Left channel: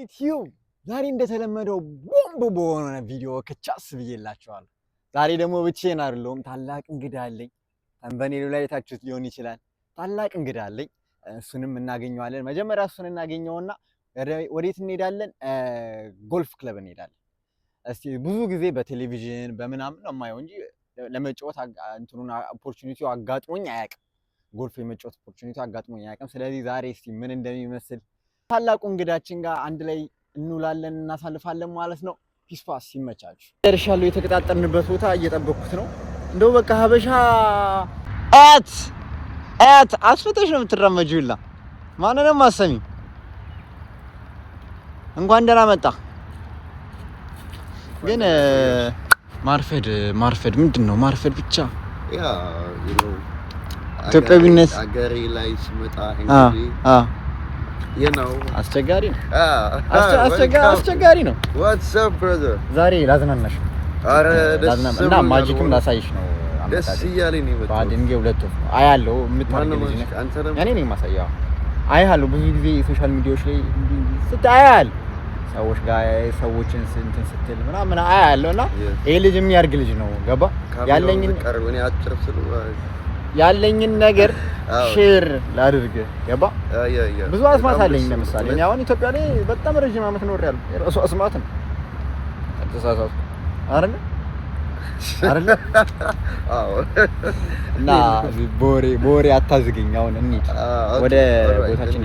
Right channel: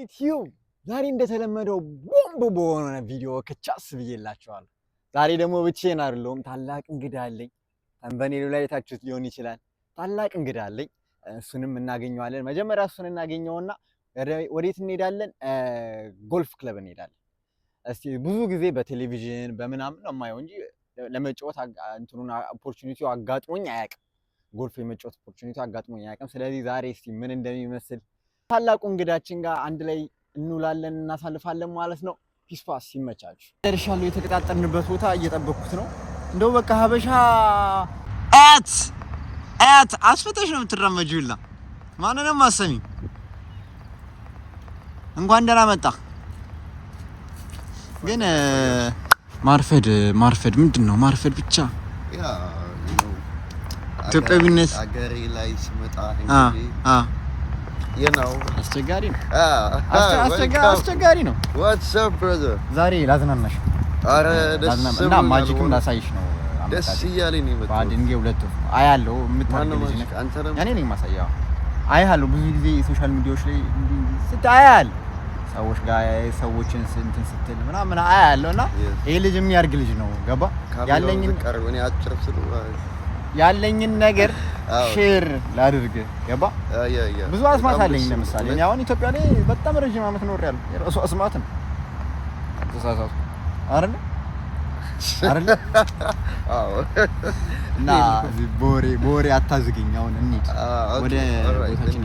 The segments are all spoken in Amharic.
ዩቲዩብ ዛሬ እንደተለመደው ቦምብ በሆነ ቪዲዮ ከቻስ ብዬላችኋለሁ። ዛሬ ደግሞ ብቻዬን አይደለሁም፣ ታላቅ እንግዳ አለኝ። ተንበኔሉ ላይ የታችሁት ሊሆን ይችላል። ታላቅ እንግዳ አለኝ፣ እሱንም እናገኘዋለን። መጀመሪያ እሱን እናገኘውና ወዴት እንሄዳለን? ጎልፍ ክለብ እንሄዳለን። እስቲ ብዙ ጊዜ በቴሌቪዥን በምናምን ነው የማየው እንጂ ለመጫወት እንትኑን ኦፖርቹኒቲው አጋጥሞኝ አያውቅም። ጎልፍ የመጫወት ኦፖርቹኒቲው አጋጥሞኝ አያውቅም። ስለዚህ ዛሬ እስቲ ምን እንደሚመስል ታላቁ እንግዳችን ጋር አንድ ላይ እንውላለን እናሳልፋለን ማለት ነው። ፒስ ፓስ ይመቻችሁ። ደርሻለሁ። የተቀጣጠርንበት ቦታ እየጠበኩት ነው። እንደው በቃ ሀበሻ አት አስፈተሽ ነው የምትራመጂውላ። ማንንም አሰሚ እንኳን ደህና መጣ። ግን ማርፈድ ምንድን ነው? ማርፈድ ብቻ ያ ኢትዮጵያዊነት አገሬ ላይ ስመጣ አስቸጋሪ ነው። አስቸጋሪ ነው። What's up brother? ዛሬ ላዝናናሽ እና ማጂክም ላሳይሽ ነው። ደስ እያለኝ ነው የመጣሁት። ባድንጌ ሁለት ነው አያለው የምታደርገው እኔ ነኝ ማሳያው። አያለው ብዙ ጊዜ ሶሻል ሚዲያዎች ላይ ስታያል ሰዎች ጋር ሰዎችን እንትን ስትል ምናምን አያለው እና ይሄ ልጅ የሚያርግ ልጅ ነው። ገባ ያለኝን ነገር ሼር ላድርግ። ገባ ብዙ አስማት አለኝ። ለምሳሌ እኔ አሁን ኢትዮጵያ ላይ በጣም ረጅም ዓመት ኖሬያለሁ። የራሱ አስማት ነው። አተሳሳቱ አይደል? አዎ። እና ቦሬ አታዝገኝ። አሁን እንሂድ ወደ ቦታችን።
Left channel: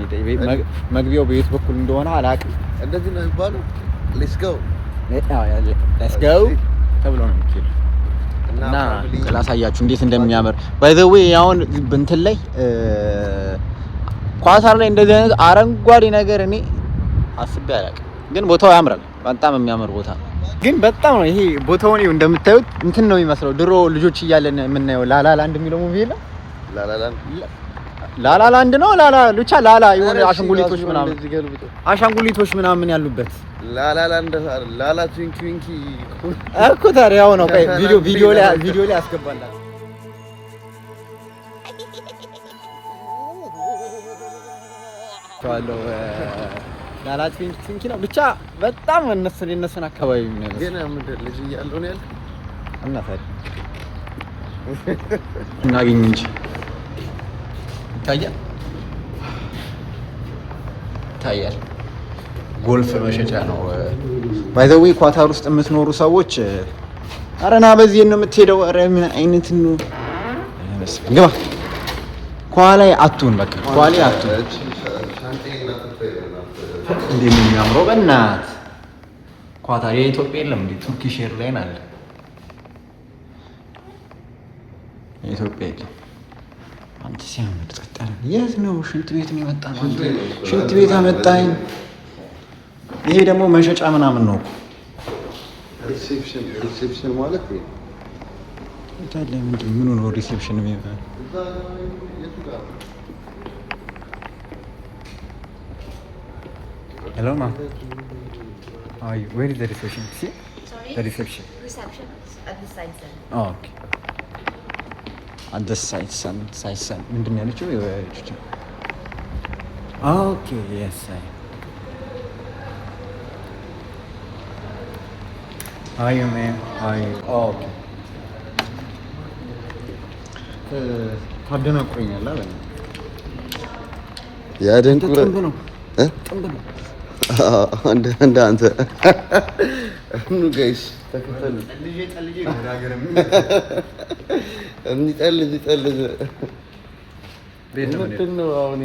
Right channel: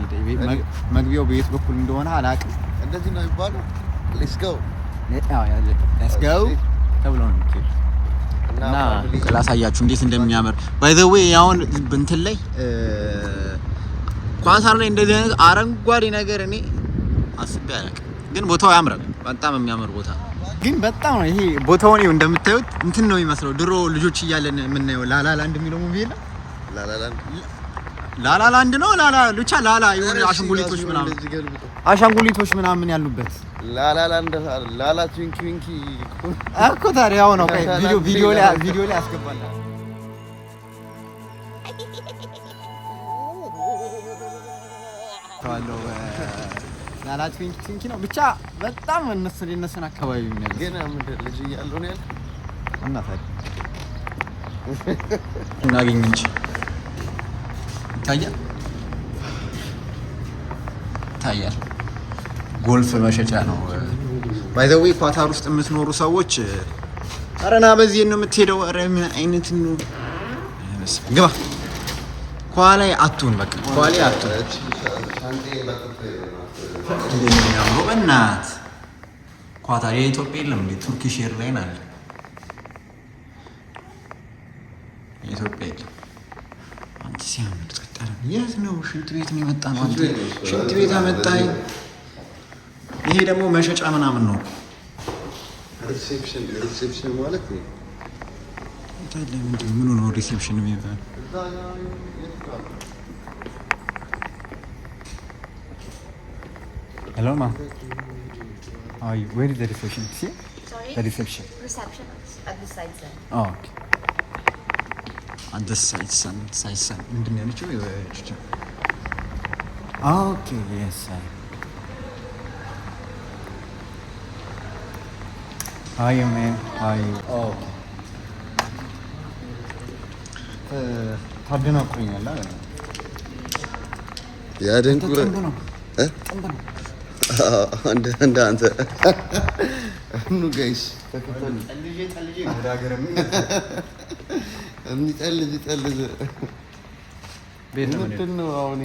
መግቢያው በየት በኩል እንደሆነ አላውቅም። እንደዚህ ነው የሚባለው። ሌትስ ጎ ተብሎ ነው የሚባለው። እና ላሳያችሁ እንዴት እንደሚያምር ባይ ዘ ዌይ። አሁን እንትን ላይ ኳሳር ላይ እንደዚህ አይነት አረንጓዴ ነገር እኔ አስቤ አላውቅም፣ ግን ቦታው ያምራል። በጣም የሚያምር ቦታ ነው። ግን በጣም ነው ይሄ ቦታውን እንደምታዩት እንትን ነው የሚመስለው። ድሮ ልጆች እያለን የምናየው ላላላንድ የሚለው ሙቪ የለ? ላላላንድ ነው ብቻ ላላ የሆነ አሻንጉሊቶች ምናምን ያሉበት ላላላንድ ላላ ትዊንኪ ዊንኪ እኮ ታዲያ ያው ነው። ቆይ ቪዲዮ ላይ አስገባላችሁ። ላላ ትዊንኪ ነው ብቻ በጣም እነሱን አካባቢ የሚያነሱ ግን ምንድን ልጅ እያለሁ ነው ያልኩት። እና ታዲያ እናገኝ እንጂ ይታያል። ጎልፍ መሸጫ ነው። ባይ ዘ ዌይ ኳታር ውስጥ የምትኖሩ ሰዎች አረና በዚህ ነው የምትሄደው። አረ ምን አይነት ነው? ግባ ኳላይ አቱን በቃ ኳላይ አቱን እንዴ ምን ያምረው በእናት ኳታር የኢትዮጵያ የለም እንዴ? ቱርኪሽ ኤርላይን አለ። የኢትዮጵያ የለም። አንተ ሲያምር ተጠጣለ። የት ነው? ሽንት ቤት ነው የመጣ ነው። አንተ ሽንት ቤት አመጣኝ። ይሄ ደግሞ መሸጫ ምናምን ነው። ሪሴፕሽን ማለት ነው። ታዲያ ምንድን ምን ነው ሪሴፕሽን የሚባለው? Hello ma'am. Where is the reception? See? Sorry? The reception. Reception is at the side side. Oh, okay. At the side sun. ምንድን ነው ያለችው? Okay, yes sir. How are you man? How are you? Oh, okay. ታደናቁኛል አይደል? ያደንቁረ ጥንብ ነው። እንደ አንተ ኑ ጋይስ ተከተሉ። ልጅ ወደ ሀገር እንጠልዝ ምንድን ነው አሁን?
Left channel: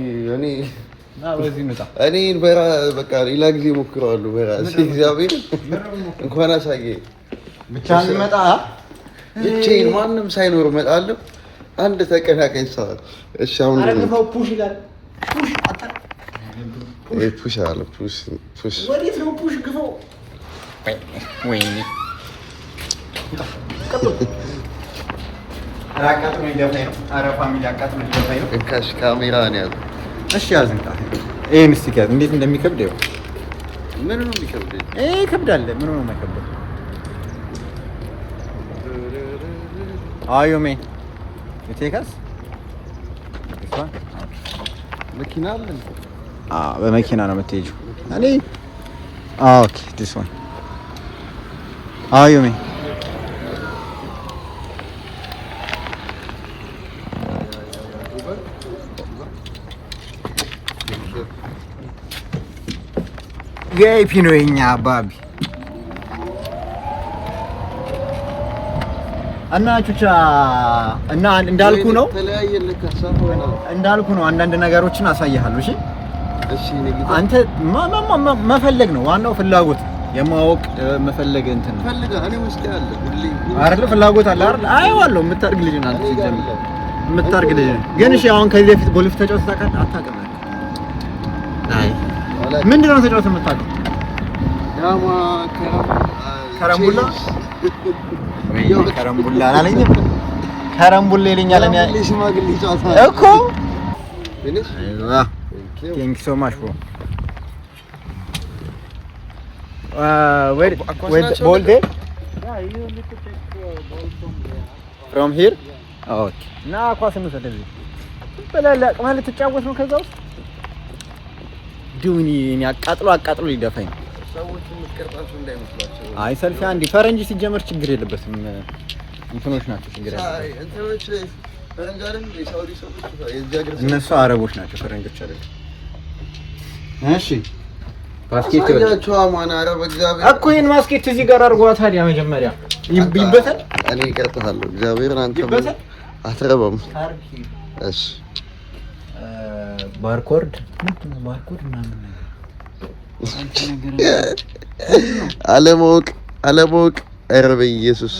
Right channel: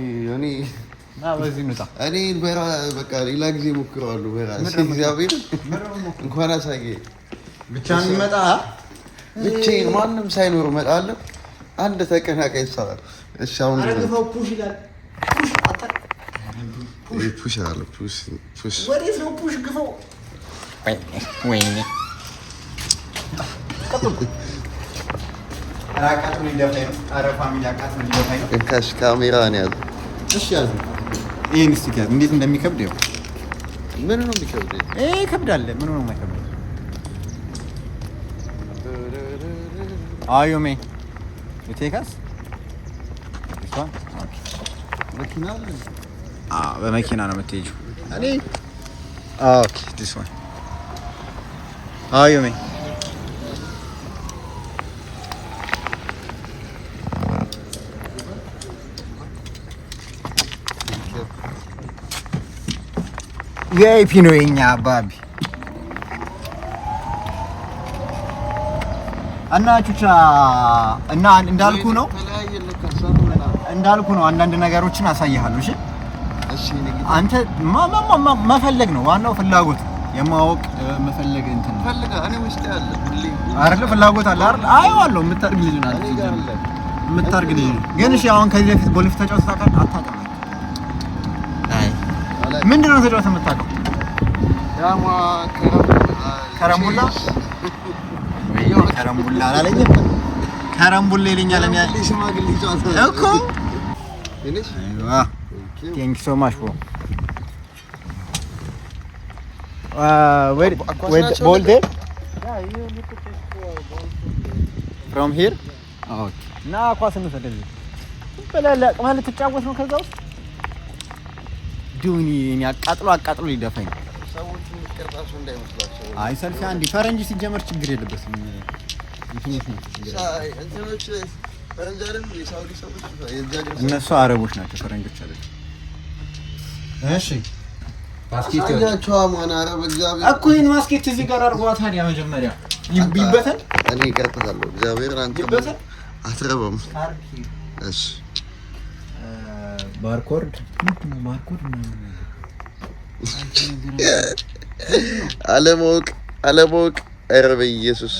እኔ በቃ ሌላ ጊዜ ሞክረዋለሁ በራሴ። እግዚአብሔር እንኳን አሳየኝ። ብቻዬን ማንም ሳይኖር እመጣለሁ። አንድ ተቀናቃኝ ሰዓት እሺ። አሁን ፑሽ አለ ፑሽ ወዴት ነው ፑሽ? ግፈው ወይኔ አቃጥሞኝ ደፋኝ ነው። ኧረ ፋሚሊ አቃጥሞኝ ደፋኝ ነው። እንካሽ ካሜራ ነው ያዘ። እሺ ያዝንካ። ይሄን ስቲከር እንዴት እንደሚከብድ ይኸው። ምን ነው የሚከብድ? ይከብዳል። ምን ነው የማይከብደው? አዩሜ የቴካስ መኪና አለ። በመኪና ነው የምትሄጂው? እኔ Okay, this one. How you mean? VIP ነው የኛ አባቢ እና ቹቻ እና እንዳልኩ ነው አንዳንድ ነገሮችን አሳይሃለሁ። እሺ አንተ መፈለግ ነው ዋናው፣ ፍላጎት የማወቅ መፈለግ እንትን ነው አይደል? ፍላጎት አለ አይደል? አይዋለው የምታርግ ልጅ ናት ሲጀምር የምታርግ ልጅ ግን እሺ አሁን ከዚህ በፊት ጎልፍ ተጫውተህ ታውቃለህ? አታውቅም? አይ ምንድነው ተጫውተህ የምታውቀው? ከረምቡላ ከረምቡላ አላለኝ ከረምቡላ ይለኛል እኮ Thank you so much, bro. Wait, ball there? Yeah, you need to take ball from here. Okay. Na ኳስ ነው ስለዚህ በላላ ማለት ተጫወት ነው። ከዛ ውስጥ ዱኒ አቃጥሎ ሊደፋኝ ነው። ሰዎች ምትቀርጣቸው እንዳይመስላቸው። አይ ሰልፊ አንዲ ፈረንጅ ሲጀመር ችግር የለበትም። እንትኖች ናቸው ችግር ያለው። እንትኖች ፈረንጅ አይደል? የሳውዲ ሰዎች እነሱ አረቦች ናቸው፣ ፈረንጆች አይደል? እሺ ባስኬት ያቸው አማን አረብ እግዚአብሔር እኮ ይሄን ባስኬት እዚህ ጋር አድርጓ። ታዲያ መጀመሪያ ይበተን እኔ እቀርጣለሁ። እግዚአብሔር አንተ አትረባም። እሺ ባርኮድ ምንድን ነው? ባርኮድ ምናምን አለማወቅ ኧረ በኢየሱስ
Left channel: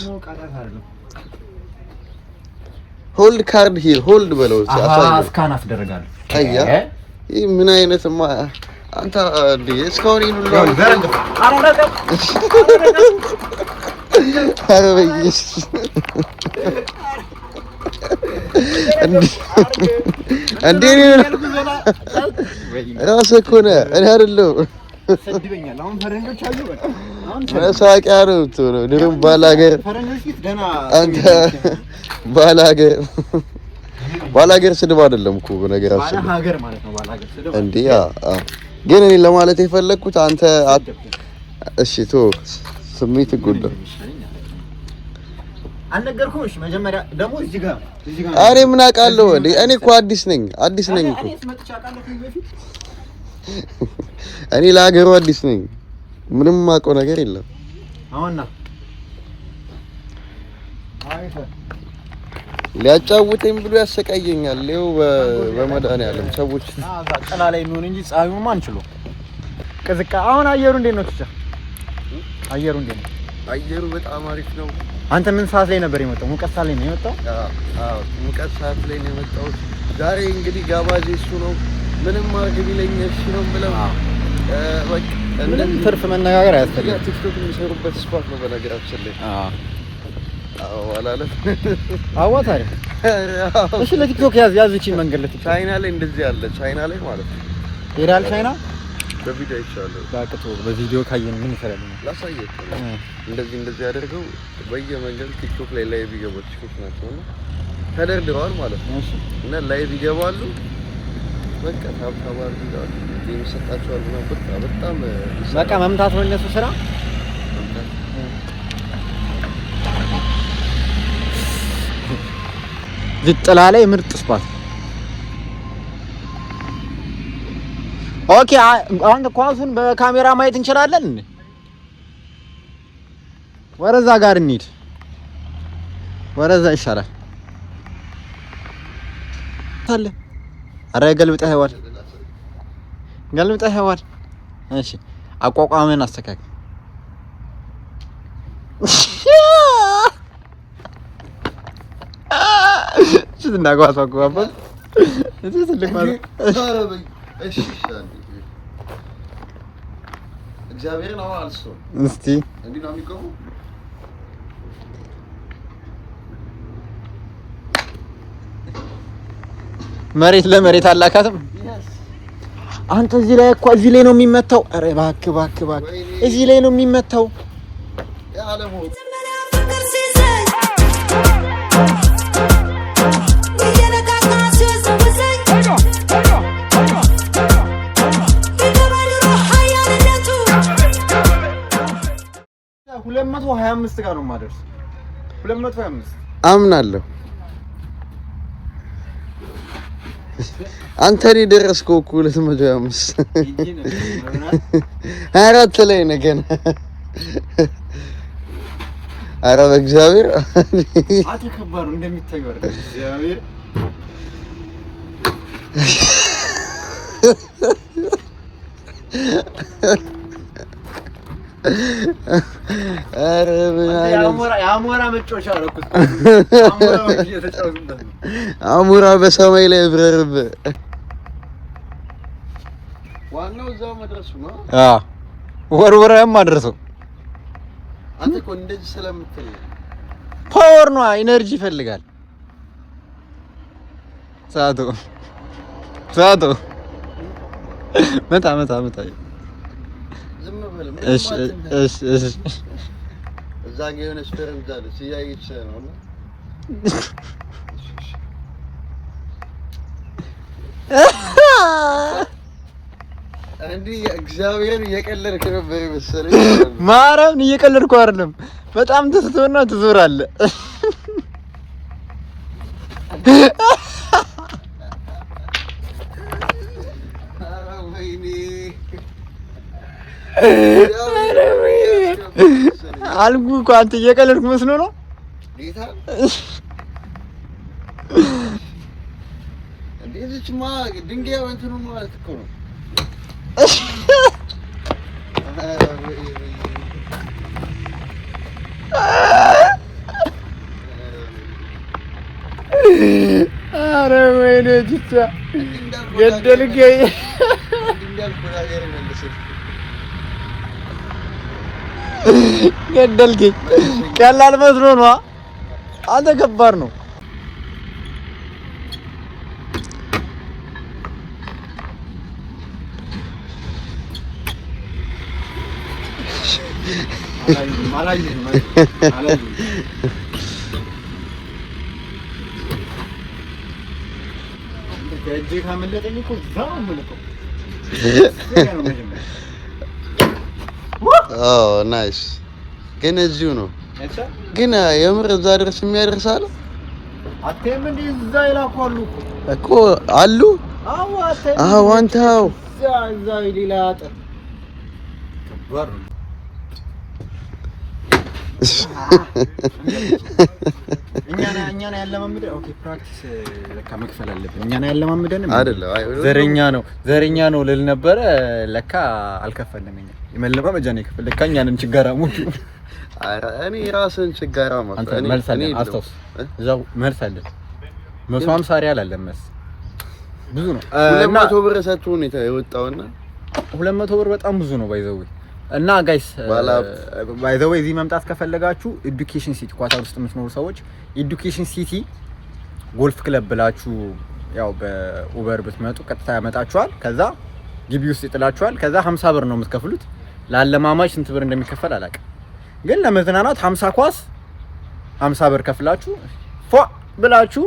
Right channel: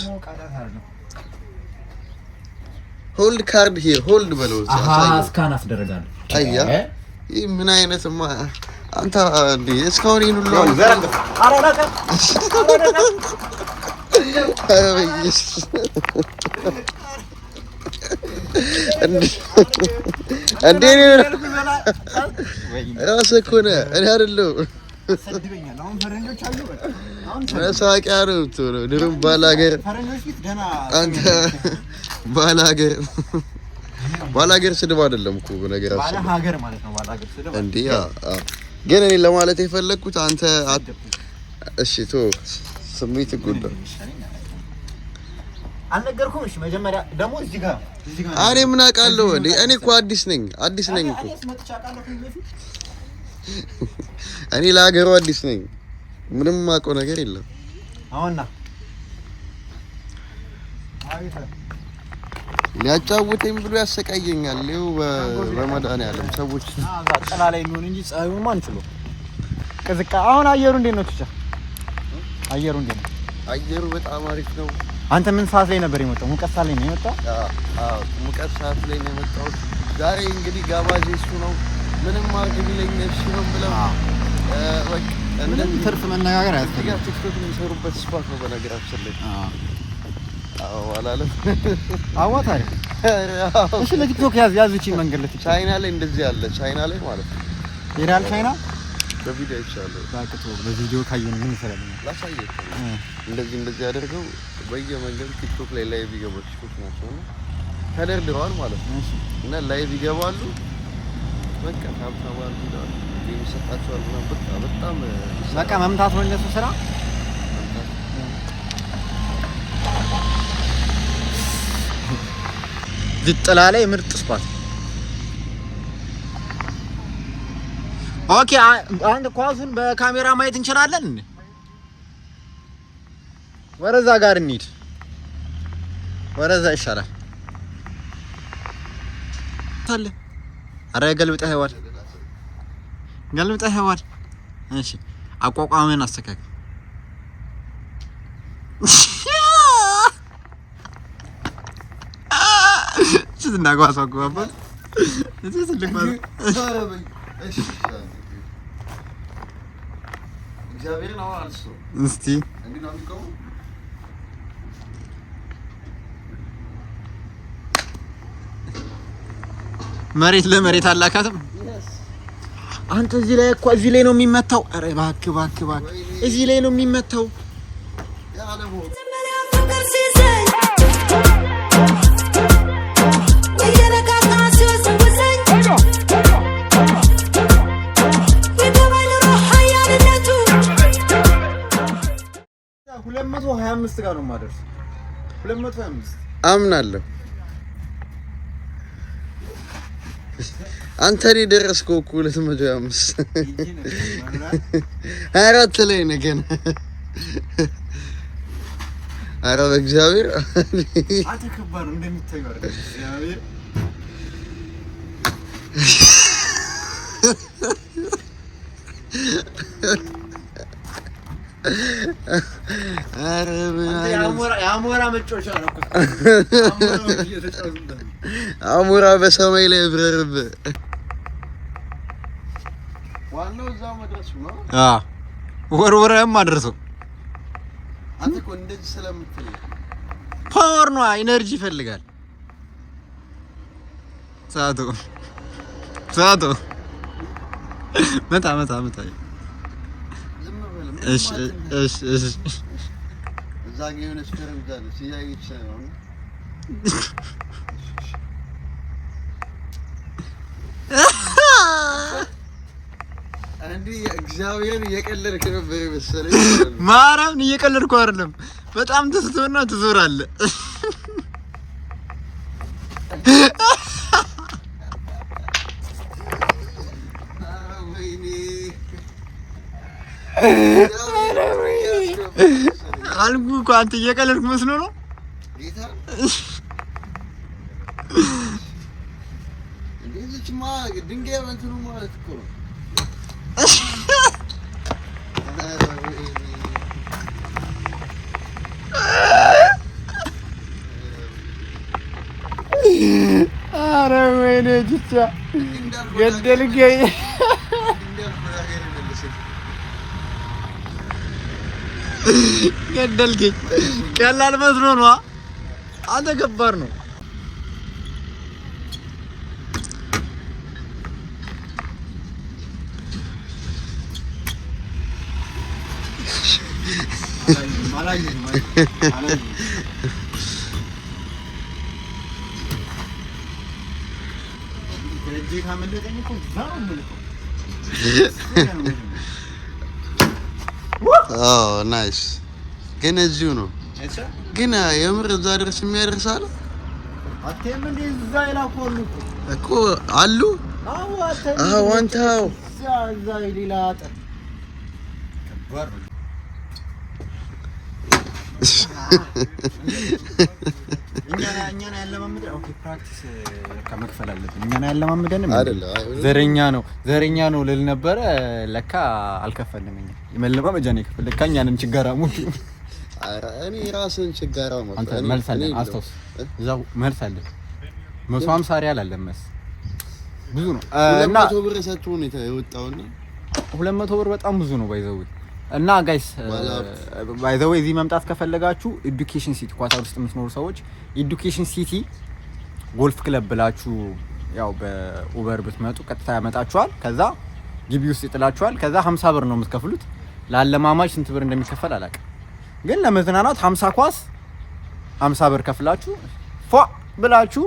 ሆልድ ካርድ ሂር ሆልድ በለው። ስካን አስደረጋለሁ። አያ ይሄ ምን አይነትማ አንተ እንዴ! እስካሁን ይሄን ሁሉ ኧረ በኢየሱስ እንዴ! ራስህ እኮ ነህ እኔ አይደለሁም። ሰድበኛል። አሁን ፈረንጆች አዩ በቃ አሁን መሳቂያ ነው የምትሆነው። ድሮም ባላገር ፈረንጆች ፊት ገና አንተ ባላገር ስድብ አይደለም እኮ በነገራችን ባላገር ማለት ነው። ባላገር ስድብ እንዴ! ግን እኔ ለማለት የፈለኩት አንተ እሺ ቶ ስሜት ይጎዳ አልነገርኩም። እሺ መጀመሪያ ደግሞ እዚህ ጋር እኔ ምን አውቃለሁ እንዴ? እኔ እኮ አዲስ ነኝ እኮ እኔ ለሀገሩ አዲስ ነኝ። ምንም የማውቀው ነገር የለም። አሁንና ሊያጫውተኝ ብሎ ያሰቃየኛል። ይኸው በመድኃኒዓለም ሰዎች ጥላ ላይ የሚሆን እንጂ ፀሐዩማ አንችልም። ቅዝቃ አሁን አየሩ እንዴት ነው? ትቻ አየሩ እንዴት ነው? አየሩ በጣም አሪፍ ነው። አንተ ምን ሰዓት ላይ ነበር የመጣው? ሙቀት ሰዓት ላይ ነው የመጣው? አዎ ሙቀት ሰዓት ላይ ነው የመጣው። ዛሬ እንግዲህ ጋባዥ እሱ ነው። ምንም አድርግ ቢለኝ እሺ ነው ብለው በቃ ምንም ትርፍ መነጋገር አያስፈልግም። ቲክቶክ የሚሰሩበት ስፖርት ነው በነገራችን ላይ። አዎ አላለም አዋታሪ እሺ ለቲክቶክ ያዝ እቺ መንገድ ለቲክቶክ ቻይና ላይ እንደዚህ ያለ ቻይና ላይ ማለት ነው። ሄራል ቻይና በቪዲዮ ይቻላል። ባቅቶ በቪዲዮ ካየን ምን ይሰራል ነው ላሳየት። እንደዚህ ያደርገው በየመንገዱ ቲክቶክ ላይ ላይቭ ይገባሉ። ቲክቶክ ናቸውና ተደርድረዋል ማለት ነው። እና ላይቭ ይገባሉ። በቃ ታብታባል ይላሉ የሚሰጣቸዋል ምናምን በጣም በቃ መምታት ነው እነሱ ስራ። ዝጥላ ላይ ምርጥ ስኳት። ኦኬ አሁን ኳሱን በካሜራ ማየት እንችላለን እንዴ? ወረዛ ጋር እንሂድ። ወረዛ ይሰራል ታለ አረ ገልብጠህ ይዋል። እሺ አቋቋምን አስተካክል። ስንናጓስ አቋቋም እዚህ ስልክ ማለት አረበኝ። እሺ እግዚአብሔር ነው አልሶ እስቲ እንዴት ነው የሚቆመው? መሬት ለመሬት አላካትም። አንተ እዚህ ላይ ነው የሚመታው። አረ እባክህ እዚህ ላይ ነው የሚመታው። ያለሞ ጋር ነው የማደርስ 225 አምናለሁ። አንተ ላይ ደረስከው እኮ 225 አራት ላይ ነህ ገና። ኧረ በእግዚአብሔር አተከባሩ እንደሚታየው አይደል? እግዚአብሔር ኧረ ምን አይነት አሞራ መጫወቻ አደረኩት። አሞራ በሰማይ ላይ ብረርብህ። ዋናው እዛው መድረሱ ነው። ወርወራም አደረሰው። አንተ እኮ እንደዚህ ስለምትል ፓወር ነው፣ ኢነርጂ ይፈልጋል። ሳቶ መታ ዝም በል። እሺ እዛ ጋር የሆነች ፒራሚድ አለች እያየች ነው እና እንዲህ እግዚአብሔርን እየቀለድክ ነበር መሰለኝ። ማርያምን እየቀለድኩ አይደለም። በጣም ትስቶና ትዞራለህ። አልኩህ እኮ አንተ እየቀለድክ መስሎ ነው። ጌታ እንዴትማ ድንጋይ እንትኑ ማለት እኮ ነው። ኧረ ወይኔ ጅቻ ገደልከኝ። ገደልከኝ። ቀላል መስሎ ነው። አንተ ከባድ ነው። ናይስ ግን እዚሁ ነው ግን የምር እዛ ድረስ የሚያደርስ አለ አትይም እንዴ? እዛ ይላኳሉ እኮ አሉ። አዎ አንተው እዛ ይላጣ ከባድ ነው። እኛን ያለማምደን ኦኬ፣ ፕራክቲስ ለካ መክፈል አለብን። እኛን ያለማምደን ዘረኛ ነው ልል ነበረ። ለካ አልከፈልንም። እኛ የመለማመጃ ነው የከፈል። ለካ እኛንም ችጋራሞች። ኧረ እኔ ራስን ችጋራም አንተ መልስ አለን። አስታውስ፣ እዛው መልስ አለን። 150 ሪያል አለን መስ ብዙ ነው። 200 ብር ሰጥቶ ነው የወጣውና 200 ብር በጣም ብዙ ነው ባይዘው እና ጋይስ ባይ ዘ ዌይ እዚህ መምጣት ከፈለጋችሁ ኤዱኬሽን ሲቲ ኳታር ውስጥ የምትኖሩ ሰዎች ኤዱኬሽን ሲቲ ጎልፍ ክለብ ብላችሁ ያው በኡበር ብትመጡ ቀጥታ ያመጣችኋል። ከዛ ግቢ ውስጥ ይጥላችኋል። ከዛ 50 ብር ነው የምትከፍሉት። ለአለማማጅ ስንት ብር እንደሚከፈል አላውቅም፣ ግን ለመዝናናት 50 ኳስ 50 ብር ከፍላችሁ ፏ ብላችሁ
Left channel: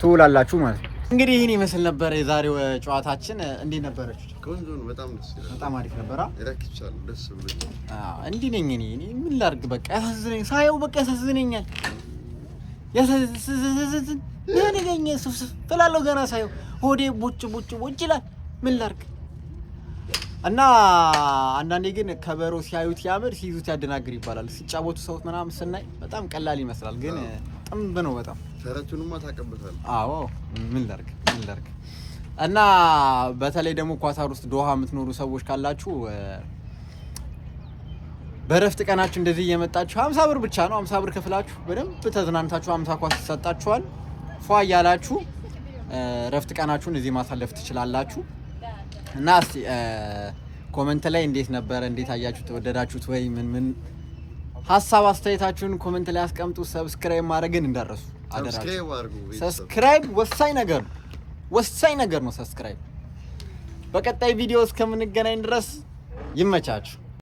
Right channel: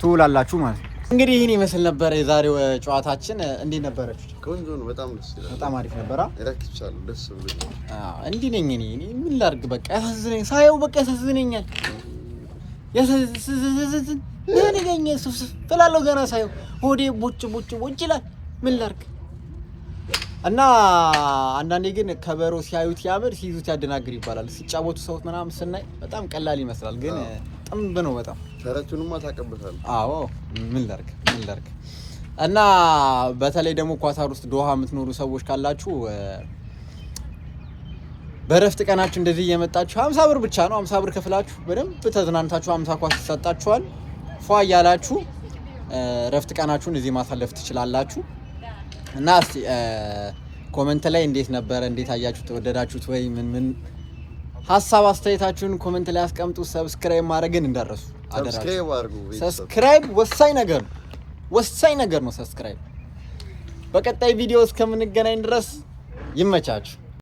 ትውላላችሁ ማለት ነው። እንግዲህ ይህን ይመስል ነበር የዛሬው ጨዋታችን። እንዴት ነበረች? ቆንጆ ነው። በጣም ደስ ይላል። በጣም አሪፍ ነበር። ረክቻለሁ። ደስ ብሎኛል። እንዲህ ነኝ እኔ ምን ላድርግ? በቃ ያሳዝነኝ ሳየው በቃ ያሳዝነኛል። ያሳዝነኝ ለኔ ስላለው ገና ሳየው ሆዴ ቦጭ ይላል። ምን ላድርግ? እና አንዳንዴ ግን ከበሮ ሲያዩት ያምር ሲይዙት ያደናግር ይባላል። ሲጫወቱ ሰውት ምናምን ስናይ በጣም ቀላል ይመስላል፣ ግን ጥንብ ነው በጣም። ተረቱንማ ታቀበታለህ። አዎ ምን ላድርግ? እና በተለይ ደግሞ ኳታር ውስጥ ዶሃ የምትኖሩ ሰዎች ካላችሁ በረፍት ቀናችሁ እንደዚህ እየመጣችሁ 50 ብር ብቻ ነው 50 ብር ከፍላችሁ በደንብ ተዝናንታችሁ 50 ኳስ ይሰጣችኋል። ፏ እያላችሁ ረፍት ቀናችሁን እዚህ ማሳለፍ ትችላላችሁ። እና እስቲ ኮሜንት ላይ እንዴት ነበረ? እንዴት አያችሁት? ተወደዳችሁት ወይ? ምን ሀሳብ አስተያየታችሁን ኮሜንት ላይ አስቀምጡ። ሰብስክራይብ ማድረግን እንዳትረሱ። ሰብስክራይብ ወሳኝ ነገር ነው። ሰብስክራይብ። በቀጣይ ቪዲዮ እስከምንገናኝ ድረስ ይመቻችሁ።